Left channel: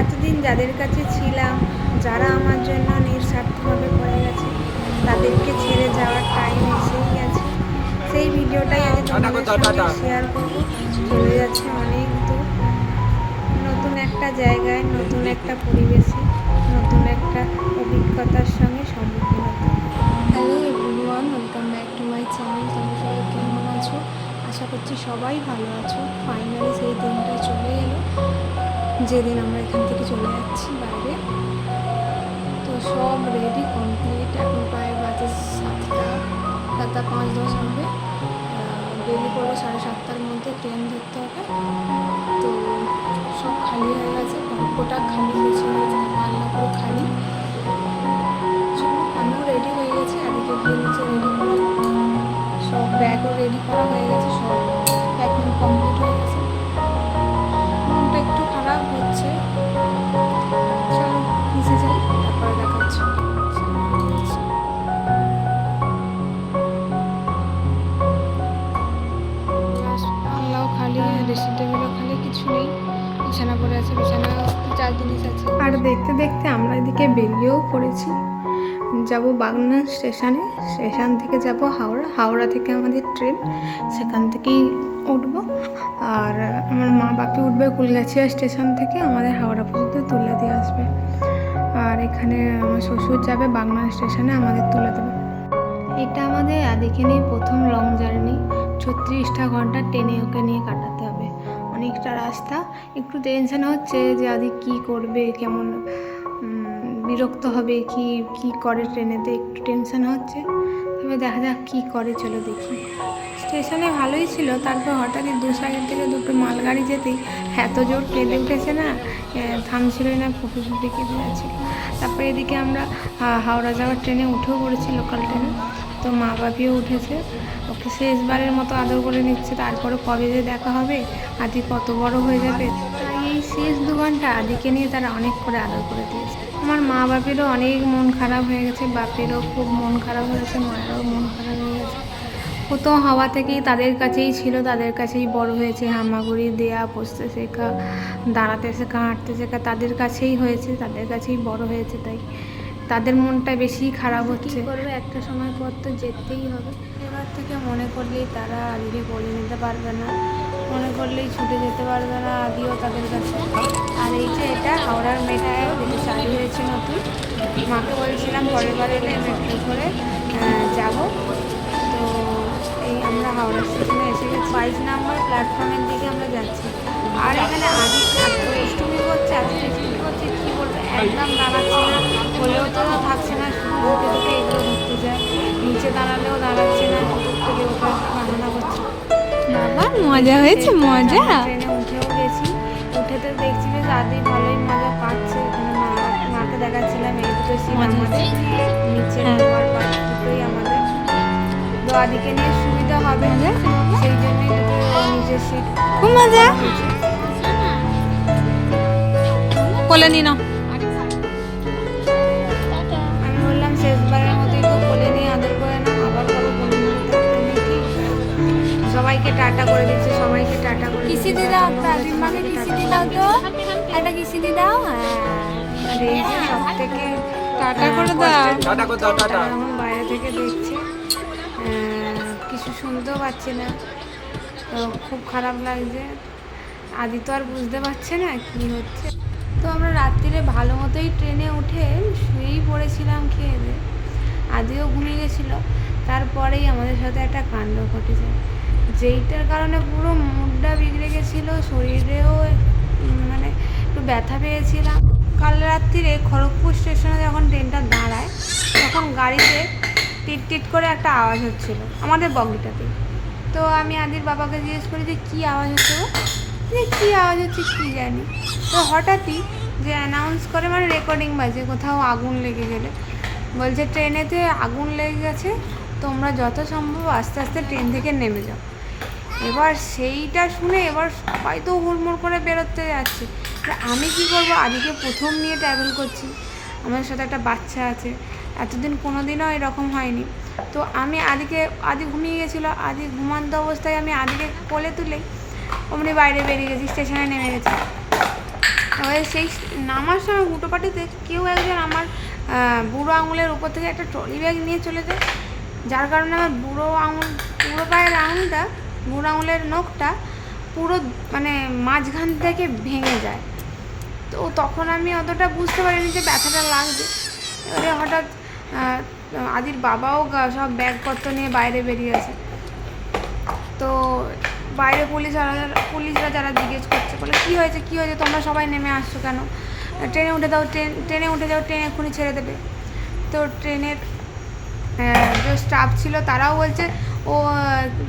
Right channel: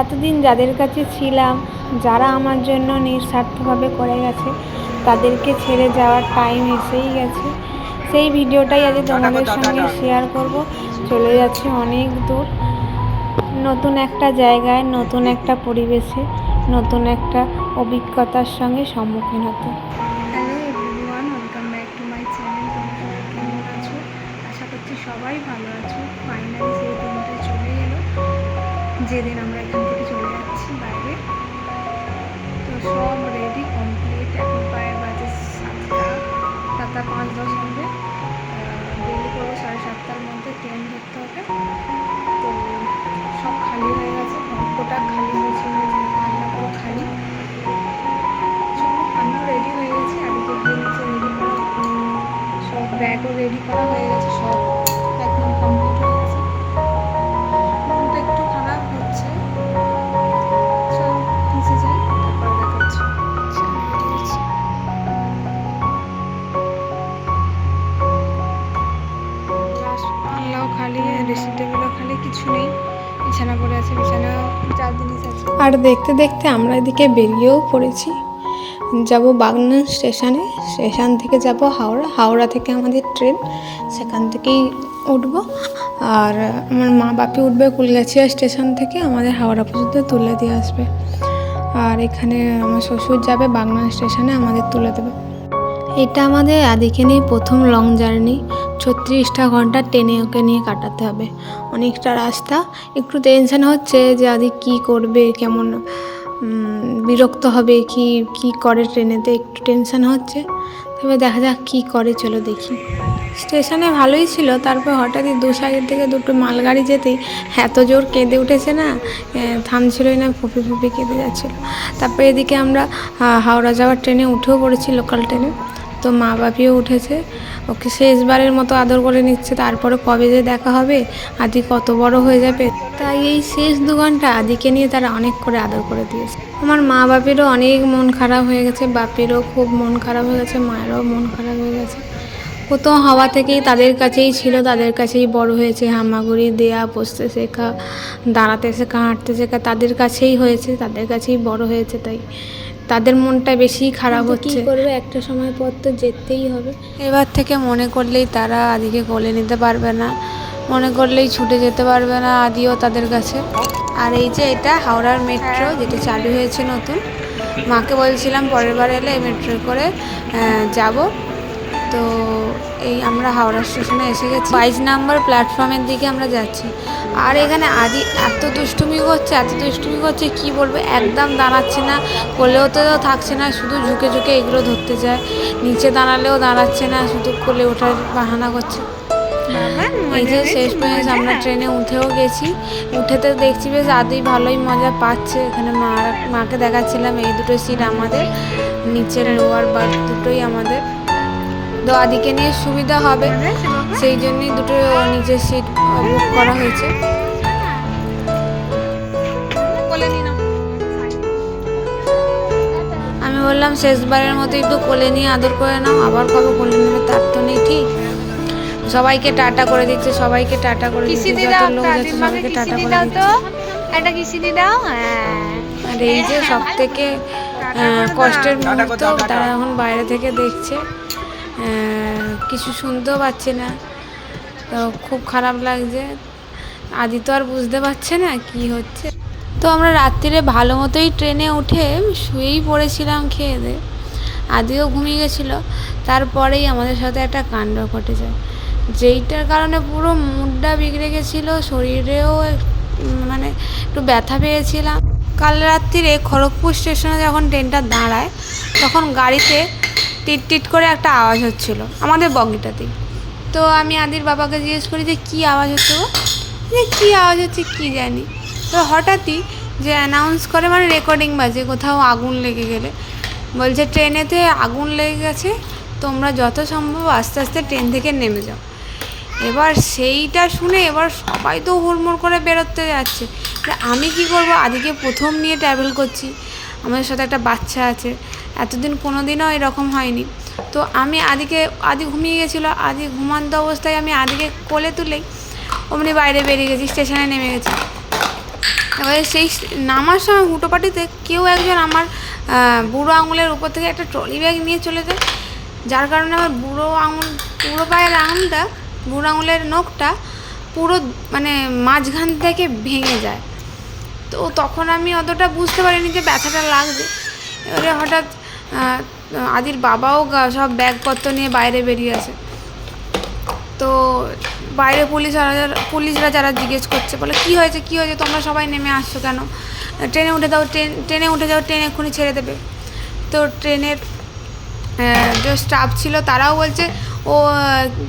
এতদিন যাদের কাছে ছিলাম যারা আমার জন্য নিঃস্বার্থভাবে করে গেছে তাদেরকে ছেড়ে যাওয়ার টাইম এসেই গেছে। সেই ভিডিওটাই আজ তোমাদের সঙ্গে শেয়ার করব। চলে যাচ্ছে অনেক দূর। নতুন একটা জায়গায় নতুন একটা পরিবেশে নতুন একটা অভিজ্ঞতার সঙ্গে সম্মুখীন হতে। Hello everyone welcome back to my channel তোমরা সবাই কেমন আছো? আশা করছি সবাই ভালো আছো। ফাইনালি সেই দিনটা চলে এলো। যেদিন আমরা এখান থেকে চলে যাচ্ছি বাইরে, তো সব রেডি কমপ্লিট এখন প্রায় বাজে সাতটা সাতটা পাঁচ দশ হবে। বেরিয়ে পড়ব সাড়ে সাতটার মধ্যে ট্রেন ধরতে হবে। তো সব খালি হয়ে গেছে গল্পটা খালি হয়েছে রান্না পুরো খালি। আমিও রেডি হয়ে গেছি, আদিকে গিয়ে নিচে রেডি করা সব ব্যাগও রেডি করা হয়ে গেছে, সব প্যাকিং কমপ্লিট হয়ে দেখতে দেখতে আমরা এদিকে বেরিয়েও পড়েছি। যাব বাগনান স্টেশনে। স্টেশন থেকে যাব হাওড়া। হাওড়া থেকে আমাদের ট্রেন। সেখান থেকেই উঠব। আর আমার মা বাপি উঠবে কুলগাছিয়া স্টেশন থেকে। আমাদের হাওড়া পর্যন্ত তুলে দিয়ে আসবে। আর এখানে আমার শ্বশুর যাবে বাগনান স্টেশনে, আমাদের তুলে দেবে। এটা আমাদের আদিকে নিয়ে প্রথম লং জার্নি। ছত্রিশটা ঘণ্টা ট্রেনে ওকে নিয়ে কাটাতে হবে। অনেকটা রাস্তা। একটু টেনশন হচ্ছে যে আদি কী করবে, কেমন বিরক্ত হবে কি কি করে ট্রেনেতে, একটু টেনশন হচ্ছে। তবে দেখা যাক কী করে, চলো দেখি। স্টেশনে ভালোই ছিল, তারপর হঠাৎই দু সাইড থেকে দুটো মালগাড়ি যেতেই এত জোর কেঁদে উঠেছে না থামছিলই না, ফুপি ফুপি কেঁদে যাচ্ছিল। তারপরে এদিকে আমরা হাওড়া যাওয়ার ট্রেনে উঠেও পড়েছি লোকাল ট্রেনে তো মা বাপিও উঠেছে। ওকে শেষবারের মতো আদর করে নিচ্ছে। তারপরে কবে যে দেখা হবে, আদি কত বড় হয়ে যাবে। তাই এই শেষ দু ঘণ্টা আদিকে নিয়ে তারা অনেক করে আদর করে দিয়েছে। আমার মা বাপিরও অনেক মন খারাপ হয়ে গেছে। বাপিরও খুব মন খারাপ হয়ে গেছে, মায়েরও মন খারাপ হয়ে গেছে। প্রথম হাওয়া থেকেই তাদের কাছেই ছিল, তাদের কাছেই বড় হয়েছে। হামাগুড়ি, দেয়া, বসতে শেখা, দাঁড়াতে শেখা, হাঁটতে শেখা তাদের কাছেই হয়েছে, তাদের কাছেই বড় হয়েছে তাই। তাদের মনটা বেশি খারাপ হচ্ছে। করবে? একটা সময় পর তো যেতেই হবে। এবার থেকে মনে করলেই তারা আদিকে কোলে নিতে পারবে না। মনে করলেই ছুটে যেতে পারবে না আদিও তাদের কাছে। আর এই যে এটা হাওড়ার মেট্রো যেটা চালু হয়েছে নতুন মাকে বলছিলাম পরের বার এলে এই মেট্রো করে যাব। তো এই আমরা হাওড়া স্টেশনে এসে গেছি। বাইশ নাম্বার প্ল্যাটফর্মের দিকে আমরা যাচ্ছি। আর এখানে আদি এত দুষ্টুমি করছে এত দুষ্টুমি করছে কি বলব? একদম দাঁড়াচ্ছে না কোলেও তো থাকছে না শুধু ঝুঁকে ঝুঁকে এগুলো ধরতে যায়। নিচে দাঁড়ালেও দাঁড়াচ্ছে না শুধু কোলে ওঠার বাহানা করছে। ট্রেনে উঠেও গেছি। উঠেতে দেখছি বেশ আদি ভালোই মজা পাচ্ছে। এখানে মা মাকে দেখাচ্ছিলাম এই দুটো সিট আমাদের। নিচের লোয়ার বাদ দুটোই আমাদের। তো আদিকে নিয়ে সুবিধা হবে। সেই জন্যই দুটো নিজের সিট করা হয়েছে। কোলে নি নাও। আমি বললাম শেষবারের মতো একটু কোলে নিয়ে আদর করে নাও। আবার কবে কোলে নিলে তার তো নেই ঠিক? সবাইকে টাটা করে দিচ্ছে সবাইকে টাটা করে কিসি দিচ্ছে, কিসি টাটা দি করে দাও দিচ্ছে। তো একটা কিসি দিদাও? হ্যাঁ। আর এই যে সব থেকে। কষ্টের টাটা মুহূর্ত। তারা এখন বাইরে থেকে দেখছে। কিছু শুনতেও পাচ্ছে না। তো খুব খারাপ লাগছে। আদি তো আর বুঝতে পারছে না কি হচ্ছে। তো আমরা রাত্রিরে ভালো মতোই ট্রেনে উঠে শুয়েই পড়েছিলাম খেয়ে দিয়ে আদিও ঘুমিয়ে গেছিল। তারপরেই আমাদের সাথে একটা কাণ্ড ঘটে যায় যেইটার কারণে পুরো মুডটা বিগড়ে গেছিল, শরীরেও মানে একটু ব্যথা পেয়েছিলাম। কাল রাত্রিরে খড়গপুর স্টেশনে যখন ট্রেনটা দাঁড়ায়, তখন গাড়িতে টিট টিট করে একটা আওয়াজ হচ্ছিল, আমাদের বগিটাতেই তো আমি আদির বাবাকে জিজ্ঞেস করি যে, কী আওয়াজ হচ্ছে গো? যে কী আওয়াজ হচ্ছে কী জানি? তো হঠাৎই যে অ্যানাউন্স করে মানে রেকর্ডিং বাজে, কোথাও আগুন লেগে গেলে। বলছে, ট্রেনেতে আগুন লেগে গেছে, তোমরা যত সম্ভব আস্তে আস্তে ট্রেন থেকে নেমে যাও। এবার সেইটা শুনে এবার সবাই তো হুড়মুড় করে বেরোতে যাচ্ছে। আমি কি করব? আদিকে প্রথম নিয়ে ট্রাভেল করছি। আমাদের সাথে একটা বাচ্চা আছে। এতদিন কোনো দিনও এরকম হয়নি। তো আমি আদিকে, আদি ঘুমিয়ে গেছিল, আদি ঘুমান্ত অবস্থায় আমি আদিকে কোলে তুলেই অমনি বাইরে বেরিয়ে গেছি, স্টেশনে নেমে গেছি। এবারে সেই নামার সময় হুটোপাটিতে কেউ একজন আমার বুড়ো আঙুলের উপর থেকে একটা ট্রলি ব্যাগ নিয়ে চলে যায়। যার কারণে আমার বুড়ো আঙুল, বুড়ো পায়ের আঙুলটা, বুড়ো আঙুলের নখটা পুরো মানে মাঝখান থেকে ভেঙে যায়। তো তখন আমি অতটা বুঝতে পারিনি যে ব্যথাটা লাগবে। এবারে হঠাৎ আদির বাবাও সব ব্যাগপত্র নিয়ে বাইরে বেরিয়ে আসে তো বাইরে পুলিশ পুলিশরা যারা জিজ্ঞেস করছে, বলে, কী হয়েছে কী হয়েছে? তোমরা সবাই নেমে আসছো কেন? ট্রেনে উঠে দাও, ট্রেন, ট্রেনে উঠে যাও, ট্রেন এক্ষুনি ছেড়ে দেবে। তো ট্রেনের যে স্টাফ ছিল, তারাও বলছে, ও,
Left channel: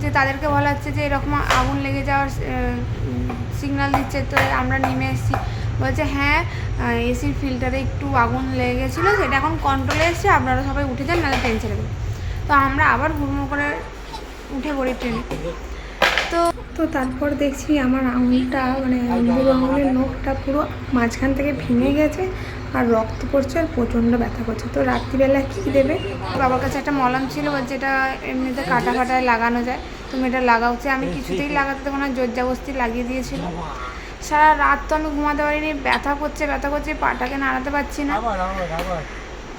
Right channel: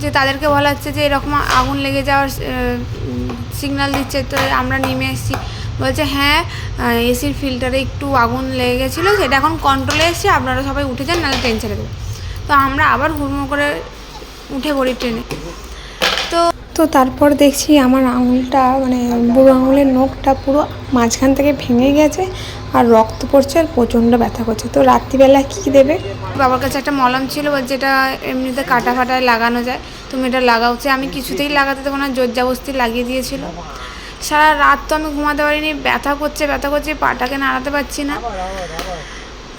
যে তাদেরকে বলা হচ্ছে যে এরকম আগুন লেগে যাওয়ার সিগন্যাল দিচ্ছে, তো আমরা নেমে এসেছি। বলছে হ্যাঁ এসির ফিল্টারে একটু আগুন লেগে গেছিল সেটা এখন কন্ট্রোলে এসছে, আপনারা সবাই উঠে যান, নাহলে ট্রেন ছেড়ে দেবে। তো আমরা আবার হুড়মুড় করে উঠে পড়ি ট্রেনে তো তো তারপর দেখছি আমার আঙুলটা মানে বুড়ো আঙুলের নখটা পুরো মাঝখান থেকে ভেঙে গেছে আর রক্ত পড়ছে আর প্রচণ্ড ব্যথা করছে। তো রাত্রিবেলা কী দেবে? বাবার কাছে একটা মলম ছিল এটা এমনিতে কাটা ফাটায় লাগানো যায়, তুমি এটা লাগাও। আমি কিছুতেই লাগাতে দেবো না জোর জাবস্তি লাগিয়ে দিয়েছিল। সারা রাত তো আমি ঘুমাতে পারিনি ব্যথা করছে ব্যথা করছে পাটাকে নাড়াতে পারছি না।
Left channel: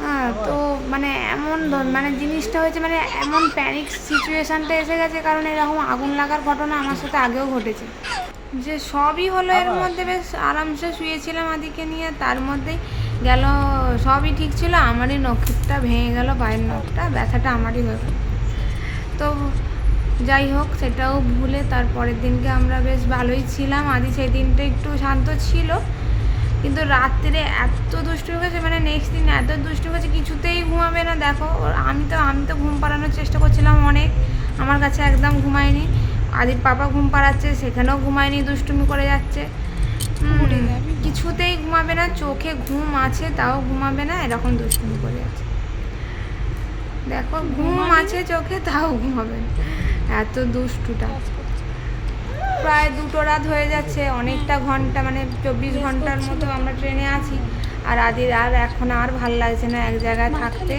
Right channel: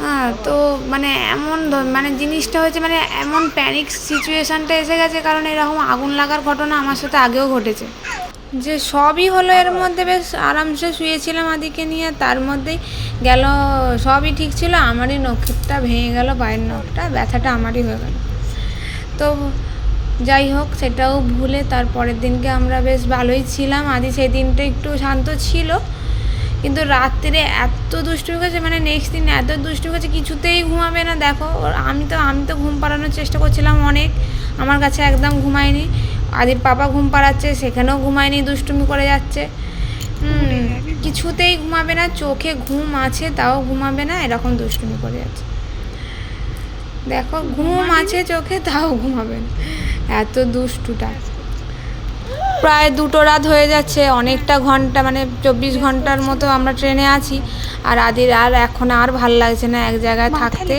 হ্যাঁ তো মানে এমন মানে জিনিসটা হয়েছে মানে এমন প্যানিক সিচুয়েশানটা এসে গেছে কারণ এরকম আগুন লাগার ঘটনা আমার সাথে আগেও ঘটেছে। যে সবই হলো এর মধ্যে বেশ আরামসে শুয়েছিলাম আদিকে নিয়ে তার মধ্যেই গেল সবই ঠিক ছিল আমারই নখটা ভেঙে গেল পায়ের নখটা ব্যথাটা আমারই হয়ে গেল। তো যাই হোক সেটাও ভুলে তার পরের দিনকে আমরা বেশ ভালোই ছিলাম। আদি সেই দিনটা একটু শান্ত ছিল কিন্তু রাত্রে এত দুষ্টুমি করেছে মানে নেক্সট দিন এত দুষ্টুমি করেছে কিছুতেই ঘুমাবে না। দেখো ওর আমি তো আমি তো ঘুম পাড়ানোর চেষ্টা করছিলাম অনেক আমার কাছে একদম ঘুমায়নি। আদির পাপা ঘুম পাড়াচ্ছে সেখানেও ঘুমায়নি দুষ্টুমি করে যাচ্ছে। কিছুতেই ঘুমাবে না চোখে ঘুম আছে তাও ঘুমাবে না এরকম দুষ্টুমি করে যাচ্ছে। দেখো ঘুম আছে চোখে তাও ঘুমাবে না। এত দুষ্টুটা। প্রায় দুটো রাত হয়ে যাচ্ছে অনেকটা ঘণ্টা মানে চব্বিশ ঘণ্টার মতো আমরা ট্রেনে আছি। আর আদির আর এখন আর ভালো লাগছে না এক জায়গায় থাকতে।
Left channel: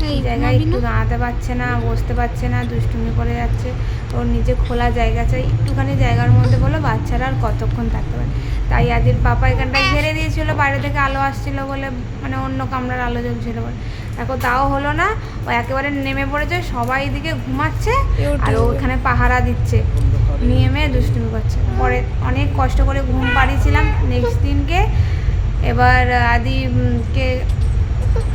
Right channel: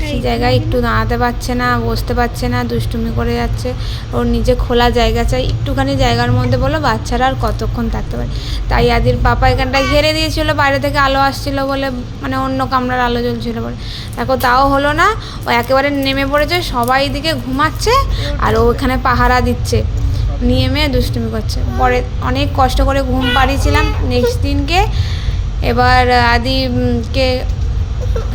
সেই জায়গায় একটু দাঁড়াতে পারছে না বসতে পারছে না দুষ্টুমি করে যাচ্ছে। ওর নিজে খোলা জায়গা চাই একটুখানি জায়গার মধ্যে বলো বাচ্চারা আর কতক্ষণ থাকতে পারে। তাই আদির পাপা এখানটা ঘিরে দিয়েছিল বাইরে থেকে আলো আসছিল বলে মানে অন্য কামরার আলো জ্বলছিল বলে। দেখো তাও হলো না ও একেবারে নেমে পড়েছে সবাই দিকে ঘুমাচ্ছে আর ও এখানে পাহারা দিচ্ছে। নেমে দুষ্টুমি করছে। পরে অনেক কষ্ট করে ঘুম পাড়িয়েছিলাম। নেক্সট দিনকে এবার আদিকে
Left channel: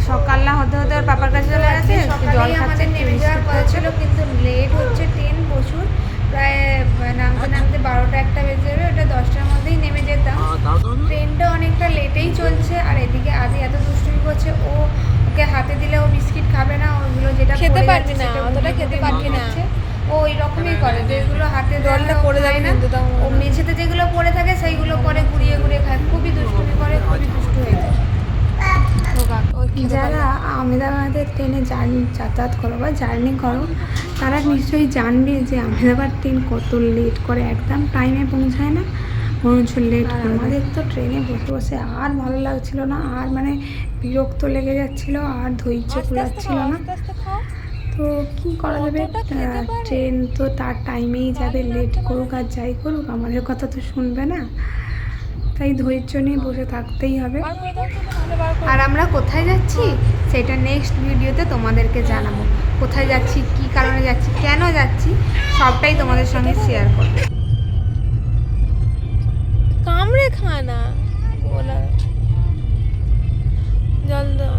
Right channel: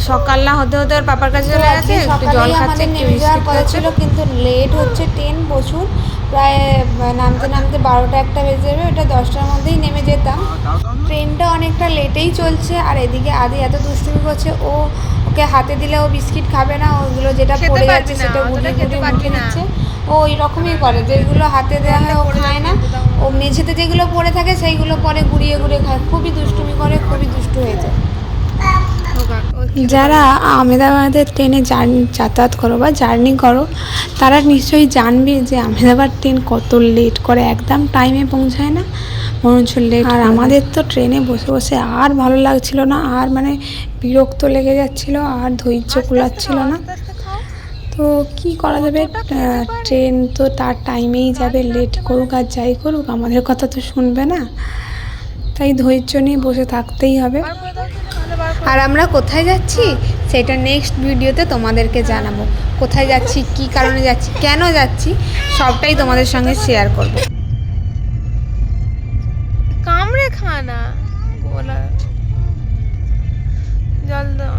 সকাল না হতে হতে ওর পাপার কাছে চলে গেছে একটু জল খাচ্ছে নেমে যাওয়ার কথা ছিল কিন্তু লেট হচ্ছে ট্রেন প্রচুর। প্রায় নামতে নামতে বারোটা একটা বেজে যাবে ওটা দশটার মধ্যেই নেমে যেতাম। ট্রেনটা অনেকটা লেটেই চলছে আর এদিকে আদি এত দুষ্টুমি করছে ও ওকে হাতে দিলে ও বিস্কিট খাবে না ওগুলো যেটা খেতে পড়ে পারবি না, সেটা অতটা খেতে পারবি না। ও ওই রকমই করে যেগুলো হাতে দেওয়া হয় ও খায় না। ও মেঝেতে যেগুলো পড়ে থাকে সেইগুলো পরে ঘুরিয়ে ঘুরিয়ে খায়। খুবই দুষ্টুমি করে খুবই দুষ্টু হয়ে যায়। যারা আহমেদাবাদের ট্রেনে জার্নি যাতায়াত করো বা জার্নি করো তারা নিশ্চয়ই জানবে যে আহমেদাবাদ ট্রেন কত লেট করে একদম টাইমে পৌঁছায় না। হচ্ছে লেট আর আমাদের তো ট্রেনে বসে বসে আর ভালো লাগছিল না আর মানে বিরক্ত লেগে যাচ্ছিল আর ধৈর্য কুলাচ্ছিল না। তো কি করা যাবে? ট্রেন তো তার টাইমেই যাবে লেট করুক আর যাই করুক আমাদের কথা তো শুনবে না। তাই ধৈর্য নিয়ে বসে থাকতেই হবে। আর আমরা কোথায় যাচ্ছি? সেটা নেক্সট ভিডিওতে তোমাদেরকে জানাব। কোথায় যাচ্ছি কি কারণে যাচ্ছি কেন যাচ্ছি সবটাই তোমাদের সঙ্গে শেয়ার করব। খানা। গোলা। জল দাও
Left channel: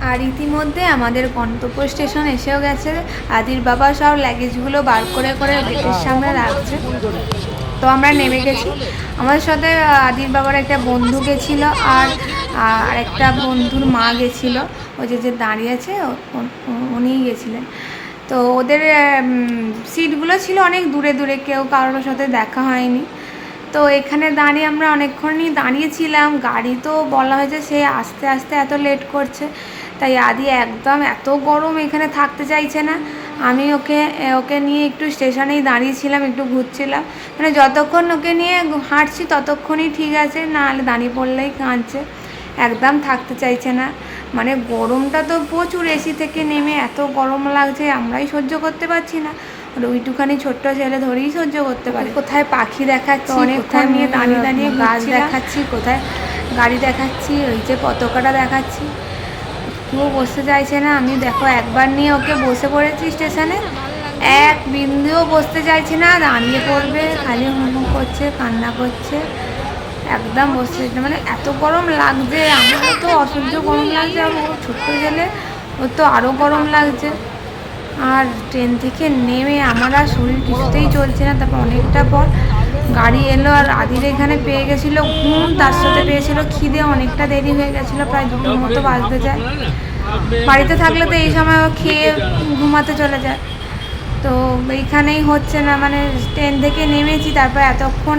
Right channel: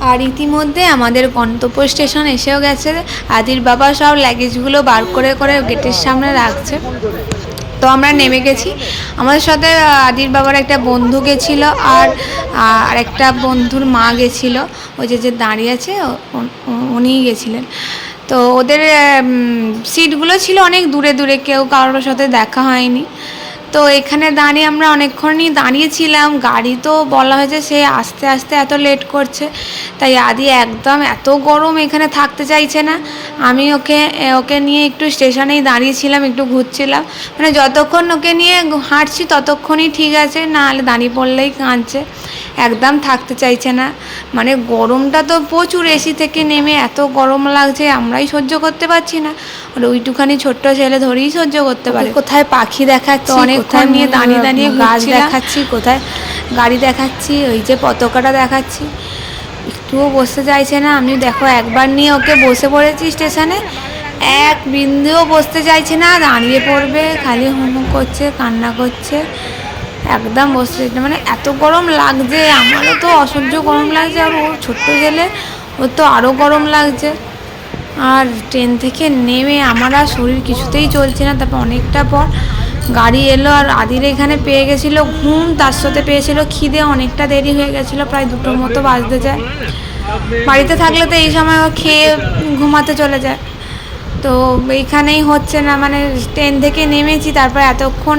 আর ইতিমধ্যে আমাদের গন্তব্য স্টেশন এসেও গেছে। আদির বাবা সব লাগেজগুলো বার করে করে গেটের সামনে রাখছে। তো আমরা নেমে গেছি। আমাদের সাথে আদির বাবার একটা বন্ধু গেছিল আর আর একটা বন্ধুর মা গেছিল। ওই যে যে দাঁড়িয়ে আছে ও- উনিই গেছিলেন। তো ওদের সিটগুলো ছিল অনেক দূরে দূরে, কেউ কারোর সাথে দেখা হয়নি। তো এখানে দাঁড়িয়ে আমরা অনেকক্ষণই দাঁড়িয়েছিলাম। গাড়ি তো বলা হয়েছে সে আস্তে আস্তে এত লেট করছে, তাই আদি একদম এত গরম এখানে থাকতে চাইছে না। আমি ওকে ওকে নিয়ে একটু স্টেশনেই দাঁড়িয়েছিলাম, একটু ঘুরছিলাম। মানে যতক্ষণ ওকে নিয়ে হাঁটছি ততক্ষণই ঠিক আছে না হলে দাঁড়িয়ে পড়লেই কাঁদছে। একদম থাকতে চাইছে না। মানে গরমটা তো প্রচুর এসি থেকে নেমে এত গরম লাগছে আমরাই সহ্য করতে পারছি না। আর ওইটুখানি ছোট্ট ছেলে ধরেই সহ্য করতে পারে। কোথায় পাখি দেখাচ্ছি অনেকক্ষণ নিয়ে দাঁড়িয়ে দাঁড়িয়ে গাছ দেখাচ্ছি কোথায় গাড়ি দেখাচ্ছি ওই যে পতাকাটা দেখাচ্ছি। একটুও বসতে চাইছে না। আমি দেখো একবার নিয়ে ওকে বসে পড়েছি স্টেশনে। এক বিন্দুও বসতে চাইছে না। দাঁড়িয়ে পড়বে খালি হুমুক করছে কান্না করছে। একদম বসতে। মানে এত গরম লাগছে, আমারও তো অসহ্য গরম লাগছে, আর ওর ছোট্ট গেলে ওর তো আরও গরম লাগছে। আর ট্রেন থেকে নেমে আমার আর শরীর কিছুতেই চলছে না, তারপর অনেকটা পর গাড়ি এলো, আর আদির এখানে পেয়ে গেছিল ঘুম, তার সাথে পেয়েছিল খিদে, অনেকটা দেরি হয়ে গেছিল, প্রায় দুটোর মতো বাজতে যায়। বাড়িতে থাকলে তো এই সময় ও খেয়ে ঘুমাতে চলে যায়। তো এইখানেই হচ্ছে না মানে ট্রেন থেকে নেমেছি, তারপর এতক্ষণ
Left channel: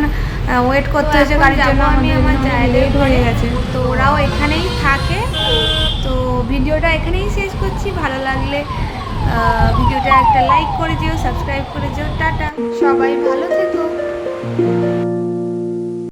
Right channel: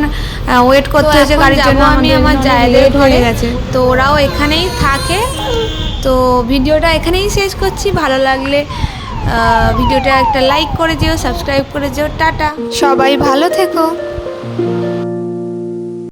ওয়েট করতে হয়েছে গাড়ির জন্য আমি আমার লেট হয়ে গেছে। তো ওরাও এখানেই থাকে। তো ভিডিওটা এখানেই শেষ করছি। ভালো লাগলে ভিডিওটা একটা লাইক করে দিও সাবস্ক্রাইব করে দিও টাটা। সবাই ভালো থেকো।